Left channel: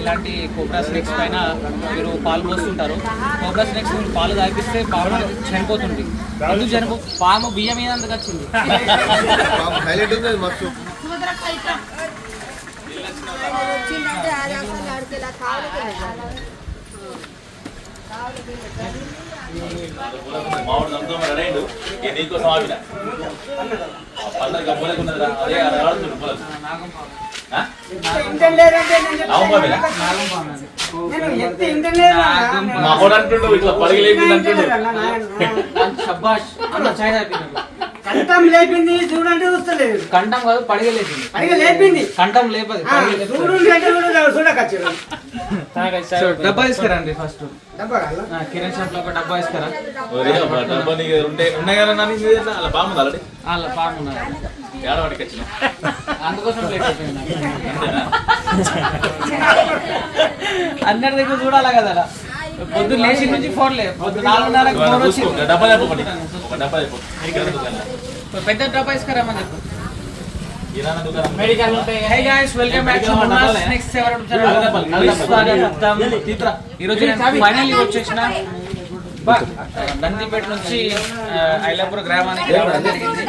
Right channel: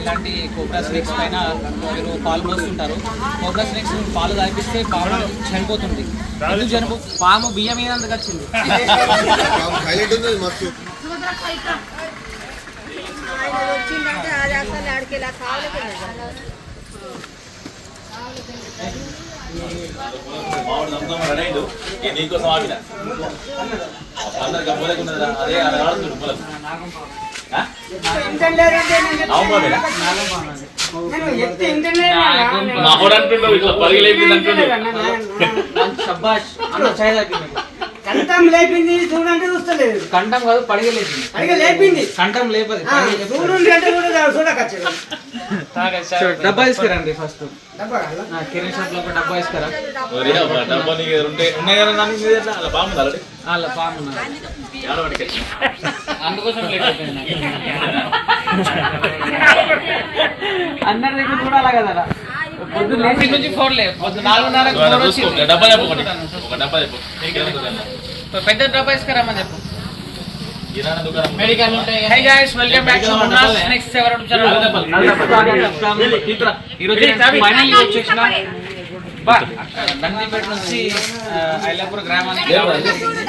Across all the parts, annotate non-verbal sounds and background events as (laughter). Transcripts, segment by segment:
ఇలాంటి cobra snakes పైన మీరు పాలు పోస్తుంటారు. కోబ్రా స్నేక్స్ పాలు తాగిస్తే పాము అనేది చనిపోతుంది. ఎందుకు చనిపో? పాము బియ్యం మీద ఎందుకు వచ్చింది నీకోసం ఆవిడ అందరు గబ్బలకి ఉన్నదిరా అదే అలా ఆడుతుంది పొలం మా కూడా అంటుండవు ఇట్లా పలిగి లేపింది అంటుండవు కంఠం లేపింది చూడంటే చూస్తలేదు కంఠం కాదు పడగలేసింది పైగా లేపింది కంఠం లేపది ఆ, చూడు అంటే కూడా చూడకొచ్చు డబ్బా తీసుకురండి ఫస్ట్? కిరణ్ షాప్లో డబ్బా నీకు ఉంటే ఉన్నాయి కదా ఎట్లా? అలా అందుకోసం లేట్ అయిపోయింది. అందరి దగ్గర చూడాలి కదా అలా. పొద్దు లేచి నుంచి ఫోన్ లేదు పొద్దు వచ్చింది డబ్బా చెప్పు ఒకటి. ఒక డబ్బా చెప్పు. పెద్ద డబ్బా తీసుకురామని చెప్పు. Hi guys welcome back to Munna's next ever ఈ రోజు ఫైనల్ వచ్చేసిన బా, నందిపేట నుంచి ఐలాపూర్ గ్రామానికి రావడం జరిగింది.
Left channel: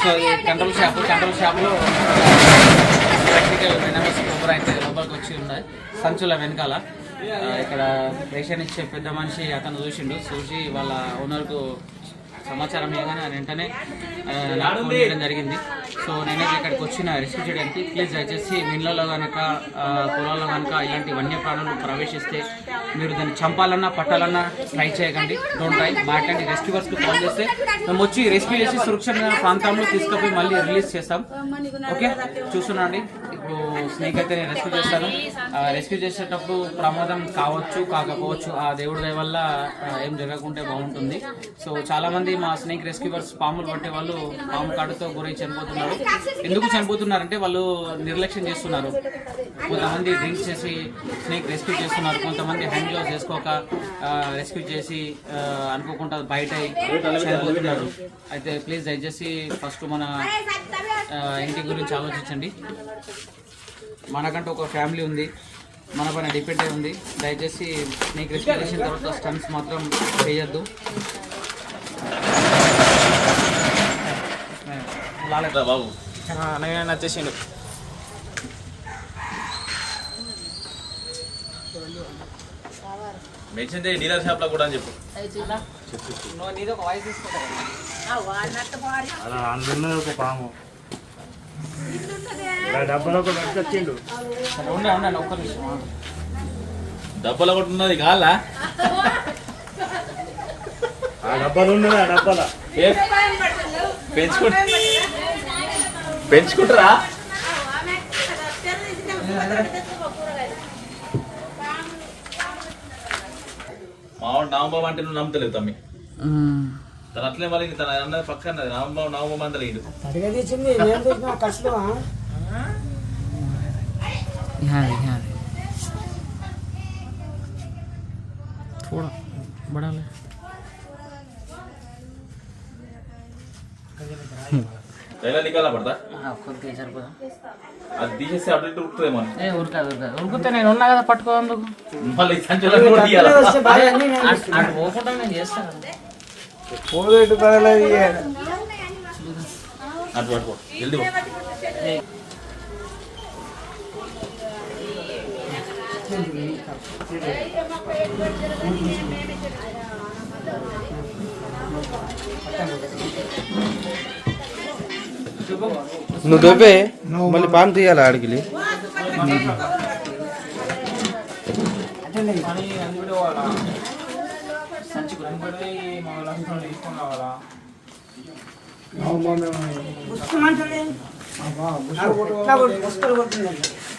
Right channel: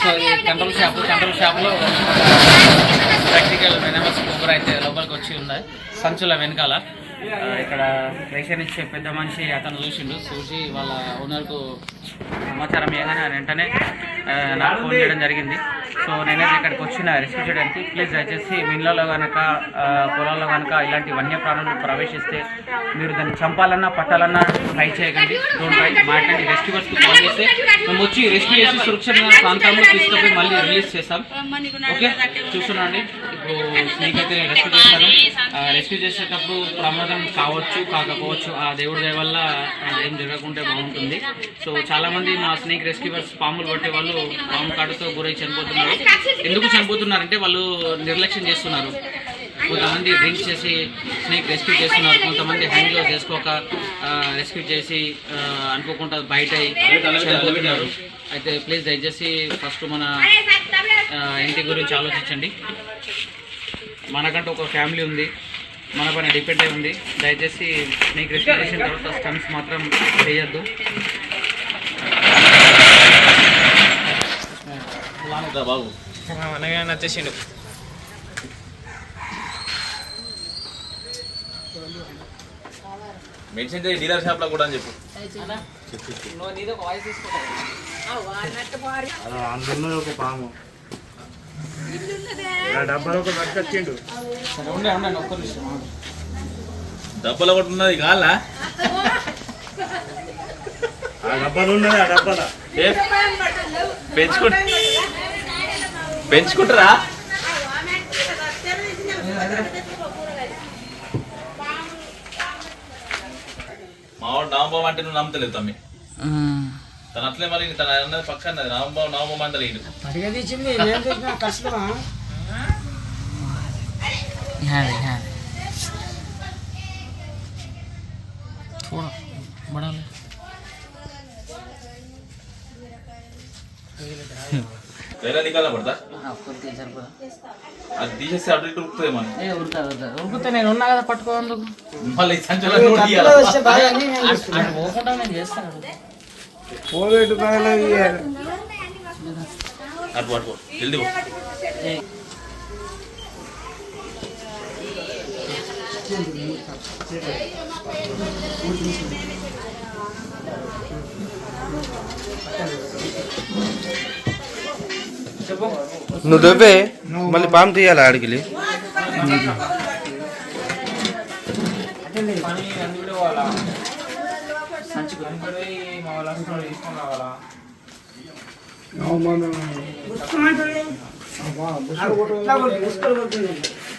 సో ఈ కంట్రోల్ షాప్ కంట్రోల్ షాప్లో ప్రాక్టికల్ వెనమస్ కొబ్బరి అయితే లోపలికి వచ్చి ఉన్నాయి. సంచుల వెనకాల. ఇక్కడ రేషన్ ఇచ్చే పెద్ద మనిషి అతను చూసిండు. చూసి వాళ్ళ ఓనర్కు సమాచారం ఇవ్వగానే వెంటనే నాకు ఫోన్ చేయడం జరిగింది. సో నేనైతే ఇక్కడికి వచ్చిన రెస్క్యూ చేయడానికి ప్లీజ్ దయచేసి మిన్లలో ఇళ్ళలో కనుక పొలాల్లో కనుక ఇలాంటి వన్యప్రాణులు ప్రవేశిస్తే మీరు దాన్ని చంపాలన్నా పట్టాలన్నా ట్రై చేయకండి. డోంట్ ట్రై మాట్లాడి రెస్క్యూవర్స్కి కాల్ చేస్తే మేము వచ్చి రెస్క్యూ చేసి సురక్షితమైన ప్రాంతంలో తీసుకుపోయి మళ్ళీ రిలీజ్ చేస్తాం. ఓకే చూస్తున్నాండి. ఇప్పుడు స్నేక్ అయితే రెస్క్యూ చేస్తాను రెస్క్యూ చేసేటప్పుడు ప్రమాదం కావచ్చు కాకపోవచ్చు ఆ దేవుడి దయ వల్ల ఏం జరగకుంటే బాగుంటుంది. సో చాలామంది మా స్నేక్ రెస్క్యూవర్స్ పాములు పట్టే వాళ్ళు పాము కాటుతో గురై చనిపోతున్నారు. ఎందుకు చనిపోతున్నారంటే వాళ్ళు నిర్లక్ష్యం చేస్తున్నారు. కొంతమంది డ్రింక్ చేసి స్నేక్ రెస్క్యూ చేస్తున్నారు. కొంతమంది హ్యాండ్ గ్లౌస్ చేసుకోక రెస్క్యూ చేసి అనుకోకుండా బయట చనిపోతున్నారు. అయితే ప్లీజ్ దయచేసి ఫస్ట్ మన ఇంటి గురించి ఆలోచించండి. మనకంటూ ఒక ఫ్యామిలీ ఉంది. మన పైన డిపెండ్ అయి ఉంది. దయచేసి స్నేక్ రెస్క్యూ చేసిన తర్వాత స్టన్స్ మాత్రం చేయొద్దు. బాబు. అనగానే నచ్చేసిండు మెడిసిన్ డీలర్ షాప్లో కూడా అని చెప్పు. అలా అందులో ఒక పాము. డబ్బాలో ఒక పట్టుకొచ్చిండు సరే ఉండే ఉండండి ఒక్క నిమిషం ఆగు. డబ్బులు ఒకటి ఉన్నది కావాలా? ఆ డబ్బాలు ఉండదు ఆ డబ్బాల. ఏ? పెంచుకుంటా పెంచుకుంటారా? మావాడు నామబాబు అంటే నువ్వు నమ్ముతలేవు తమ్మి తను అట్లే మరి తన అన్నది పక్కన నామబాబు నామబాబు అంటే లేడు పడిగా తీసింది నేను చేసిన కష్టమా थोड़ा बड़ा ले వేరే నికాల పడతా కొద్దిగా సరిపోదా? అది తీసేస్తే అటు ఇటు ఉరుకుతుందేమో అని. ఏ ఉరుకుతే నేను ఉన్నా కదా పట్టుకోందుకు మళ్ళీ సంచులో కూడా తీయాలా? అటు పోకుండా నేను చేస్తాను పగలది అటు పట్టుకో జల్దీ పో. నువ్వు దొబ్బే మళ్ళీ పాము తీయాలి ఆడికి? తీసుకొని రావాలా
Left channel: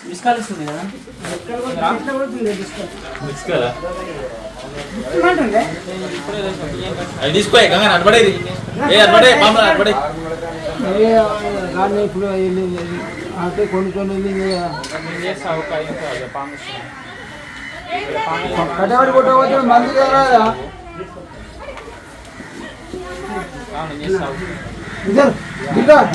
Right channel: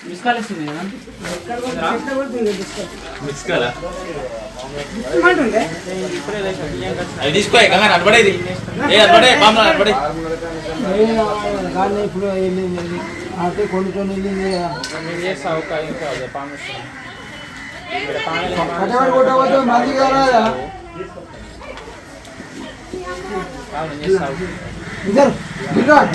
మిస్ కాల్ ఇస్తుంది కదా? కదా ముసుకుమంటుంది. అది తీసుకో కంగారు అడబడేది ఏ అడబడే బామ్మ అడబడే దాన్ని ఇప్పుడు వెళ్ళింది అంటే కొట్టకపోతే మళ్ళీ రాదా ఇద్దరు ఇద్దరు.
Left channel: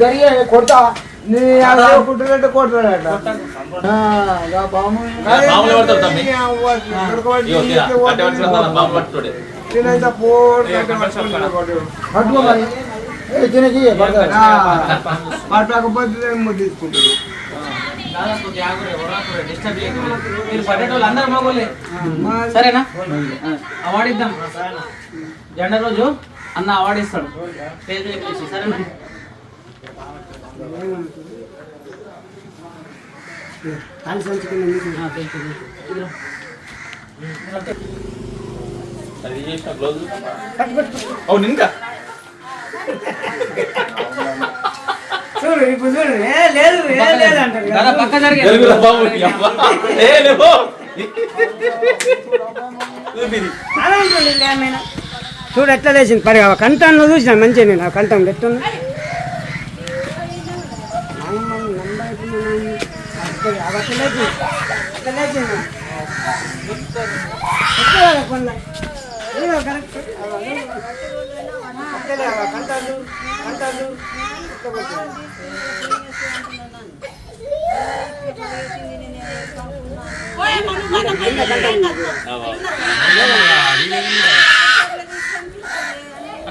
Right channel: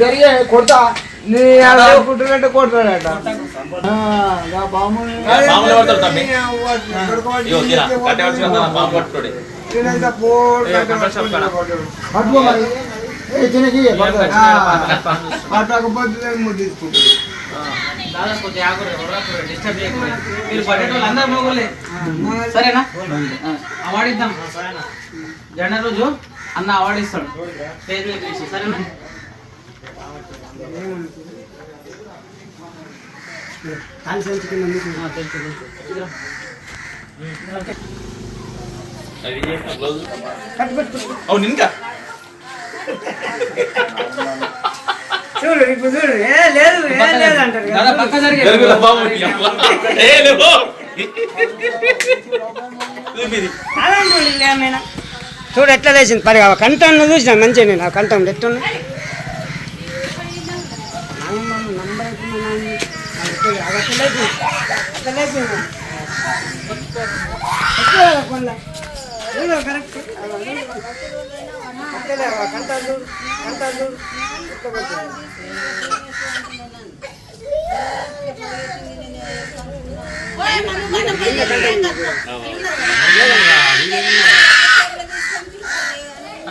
జరిగే కొడతా. నీ కుట్టుకుంటే కొడతాడట. పట్టకపోతే తీసుకుంటాడు. దాదాపు ఆగురే, ఒర్రకురే, disturb చేయకురే. మీరు పట్టేటోళ్ళు అందరు మగోళ్ళే. సరేనా? అవార్డు ఇద్దాం జెండా రోజు అన్న అవార్డు ఇస్తాడు మీద పిలిచి, సరేనా? అవును ఇంకా? (laughs) చూడు ఇప్పుడు చూడు ఏ లేదు ఏ లేదు అంటారు దాదా పక్క జరిగే తెలుగులో బాబు ఏ లేవు చూపిది. చూడు ఎట్లా లేచింది పరి కంఠం చూసిన మంచిగా నేను ఆ ఎట్లా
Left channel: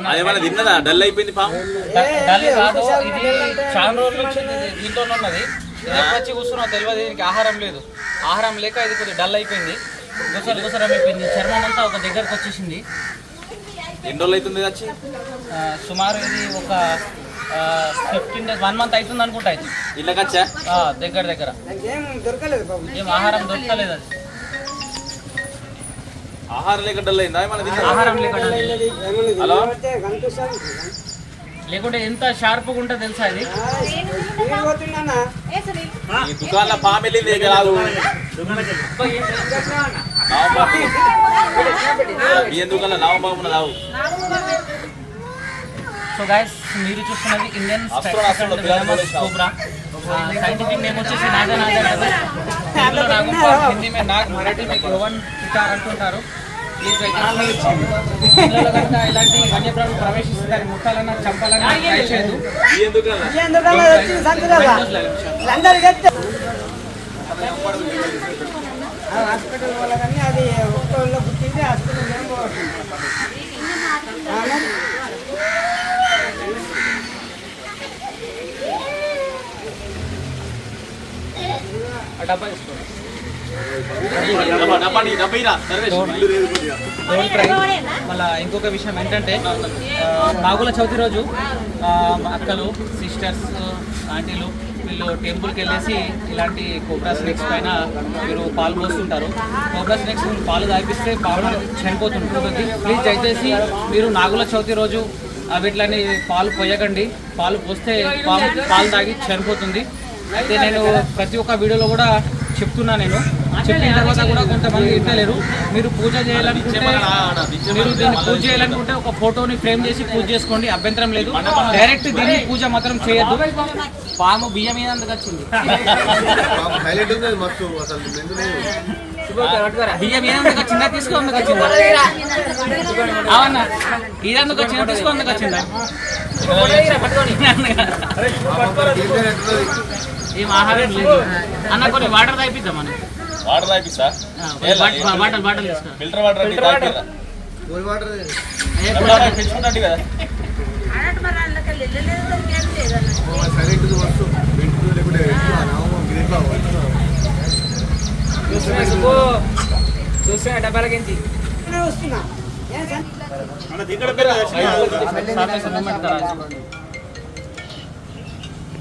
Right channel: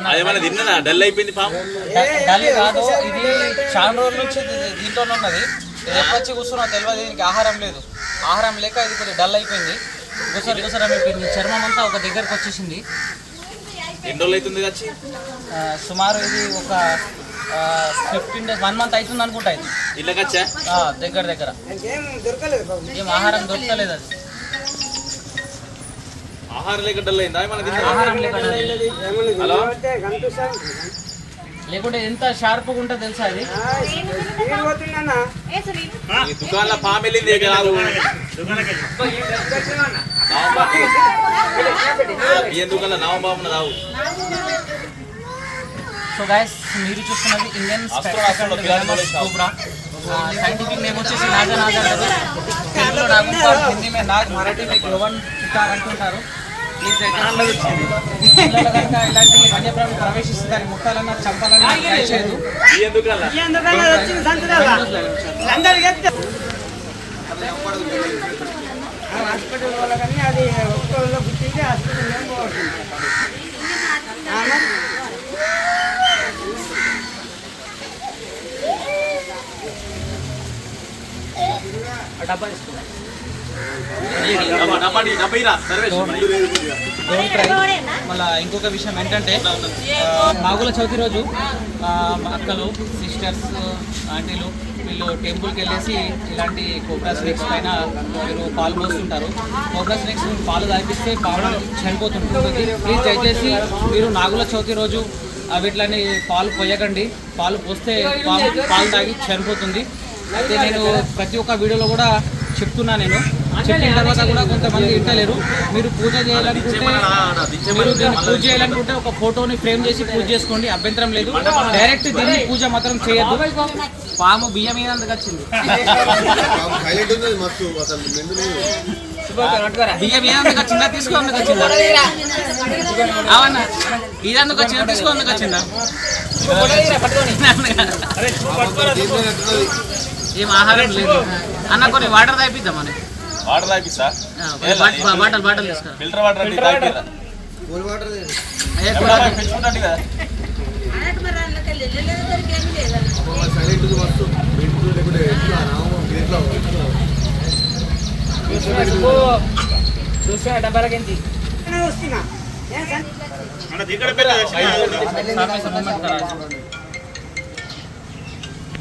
అదేమైనా తిన్నదా? డల్ అయిపోయింది పాము డల్ కాదు ఇది చాలా రోజుల నుంచి ఇది దీంట్లోనే ఉన్నది. ఇది ఎప్పుడు వచ్చి కూర్చున్నావు తెలియదు దీనికి ఆహారం లేదు. ఆహారం లేక ఇది కొద్దిగా డల్ అయిపోయింది. గుసలు గుసరం అయిపోయింది. చర్మం అంతా ఒక దగ్గరకు వచ్చేసింది. ఎన్ని రోజులు అవుతుంది సుమారు ఇది ఒక ఫిఫ్టీన్ డేస్ వన్ మంత్ అవుతుంది అనుకుంటా దగ్గర దగ్గర. ఏం ఆహారం దొరకలేదు అది. ఆహారం లేకుంటే ఎంత షార్ప్గా ఉంటుందో తెలుసా ఈ దుకాణంలో పాము వెళ్ళింది దుకాణంలో రావు సో గైస్ మీరు చూస్తున్నది Indian spectacle venomous cobra scientific name వచ్చేసి నాగా నాగా డబల్ తెలుగులో నాగంపాల్ హిందీ మే నాగ్ మరాఠీ మే గోవన్ చిత్తార్ అంటుంటారు. ఇలాంటి వన్యప్రాణులు ప్రవేశిస్తే దాన్ని ముట్టాలన్నా చంపాలన్నా ట్రై చేయదు హాస్పిటల్ వాళ్ళ. కానీ అది ఒక్కళ్ళ గుర్తికి హాస్పిటల్ డబ్బా తీసుకో. డబ్బా డబ్బా నీ డబ్బా ఇరా. సర్వేష్. ఇల్లు లేదు కొద్దిగా. డోంట్ క్రై మళ్ళీ ఇంకొక విషయం ఏంటంటే మాగుల నాగుల చవితి రోజు అక్కలు సిస్టర్స్ ఆంటీలు వీళ్ళు టెంపుల్కి వెళ్ళేసి ఇలాంటి కోబ్రా స్నేక్స్ పైన మీరు పాలు పోస్తుంటారు కోబ్రా స్నేక్స్ పాలు తాగిపిస్తే పాలు చనిపోతుంటుంది ప్లీజ్ దయచేసి మీరు నాగుల చవితి రోజు వీటిలని పాలు పోయకండి పాలు పోస్తే పాలు తాగి చనిపోతుంది అయితే నేను ప్రతి ఒక్క వీడియోలో కూడా చెప్తున్నా నేను. చెప్పిన తర్వాత కూడా కొంతమంది వింటలేరు. మీరు పూజ చేయాలనుకుంటే మీరు దీన్ని పూజ చేయాలనుకుంటే ఒక ఫోటోని ఫ్రేమ్ చేసి పూజ చేసుకోండి. అభ్యంతరం లేదు. డైరెక్ట్ దీన్ని పూజ మాత్రం చేయొద్దు. పాము బియ్యం ఏనందుకు వచ్చింది? హైలైట్ ఉంది అది మస్తు అసలు మెందులు. బియ్యం ఏనందుకు వచ్చిందా? తీసుకోందుకు వచ్చిందా? అవునా? ఇదందుకు వచ్చిందా? తీసుకోందుకు వచ్చిందా? ఏం ఆహారం లేదు. అన్న కొన్ని వాటర్ తాగిద్దామని వాటర్ తాగిస్తా బాటల్ బాటల్ తీసుకో. ఫిల్టర్ వాటర్ అంటే తాగిరా. Cool water. ఏ ఫిల్టర్ వాటర్ పిలుచుకుంటాడు కదా. సైలెంట్ ఉంది మస్తు. మెంతులు లేకుంటే ఎట్లా? నామం ఇది ఎట్లా? చూస్తే డబ్బాలకి ఏంటి? మూమెంట్ కరా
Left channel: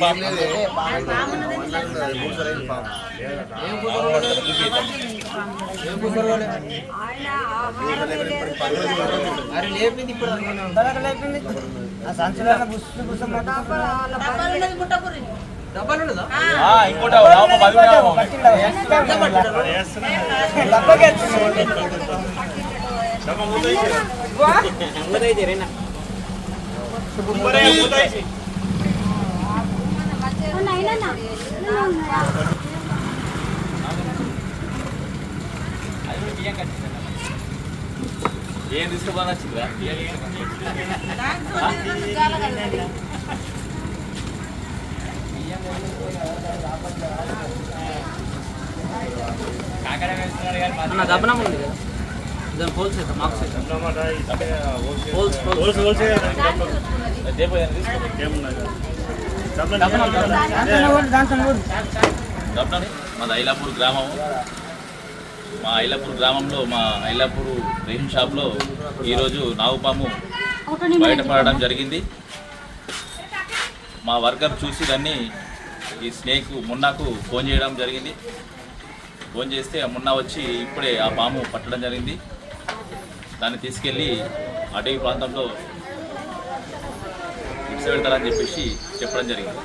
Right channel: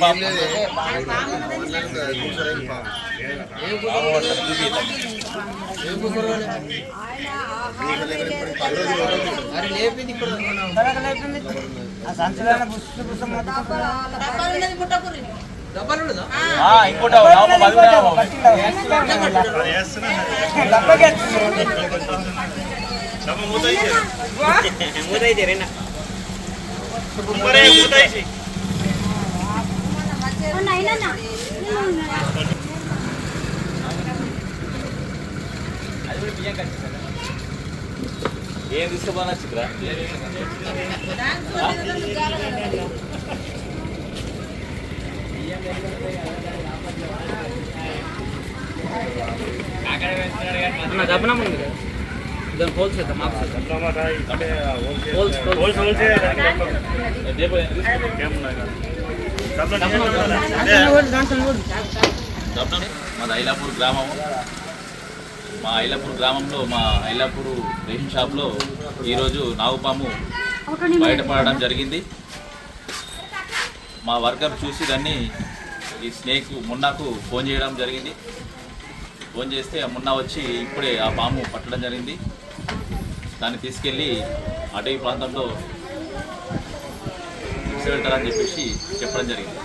పాము. మూడు సార్లు పాము ఆ, ఇంకోటి నావబాబు. అన్న అయినా ఏం తీసుకోమన్నా చిత్రా అన్న దబ్బనం ఉంది కదా. దాన్ని హోల్సేల్ దబ్బని మాది ఐలాపూర్ గ్రామము మా ఐలాపూర్ గ్రామంలో మా ఐలాపూర్ రేషన్ షాప్లో ఈరోజు నాగుపాము బయటపడడం జరిగింది. మా వర్కర్ చూసి దాన్ని ఈ స్నేక్ మున్నాకు ఫోన్ చేయడం జరిగింది. ఫోన్ చేస్తే ఆ మున్నా వచ్చి ఇప్పుడే ఆ పాము పట్టడం జరిగింది. దాన్ని తీసుకెళ్ళి అటవీ ప్రాంతంలో ఇచ్చ పెడతారని చెప్పేసి చెప్పడం జరిగింది.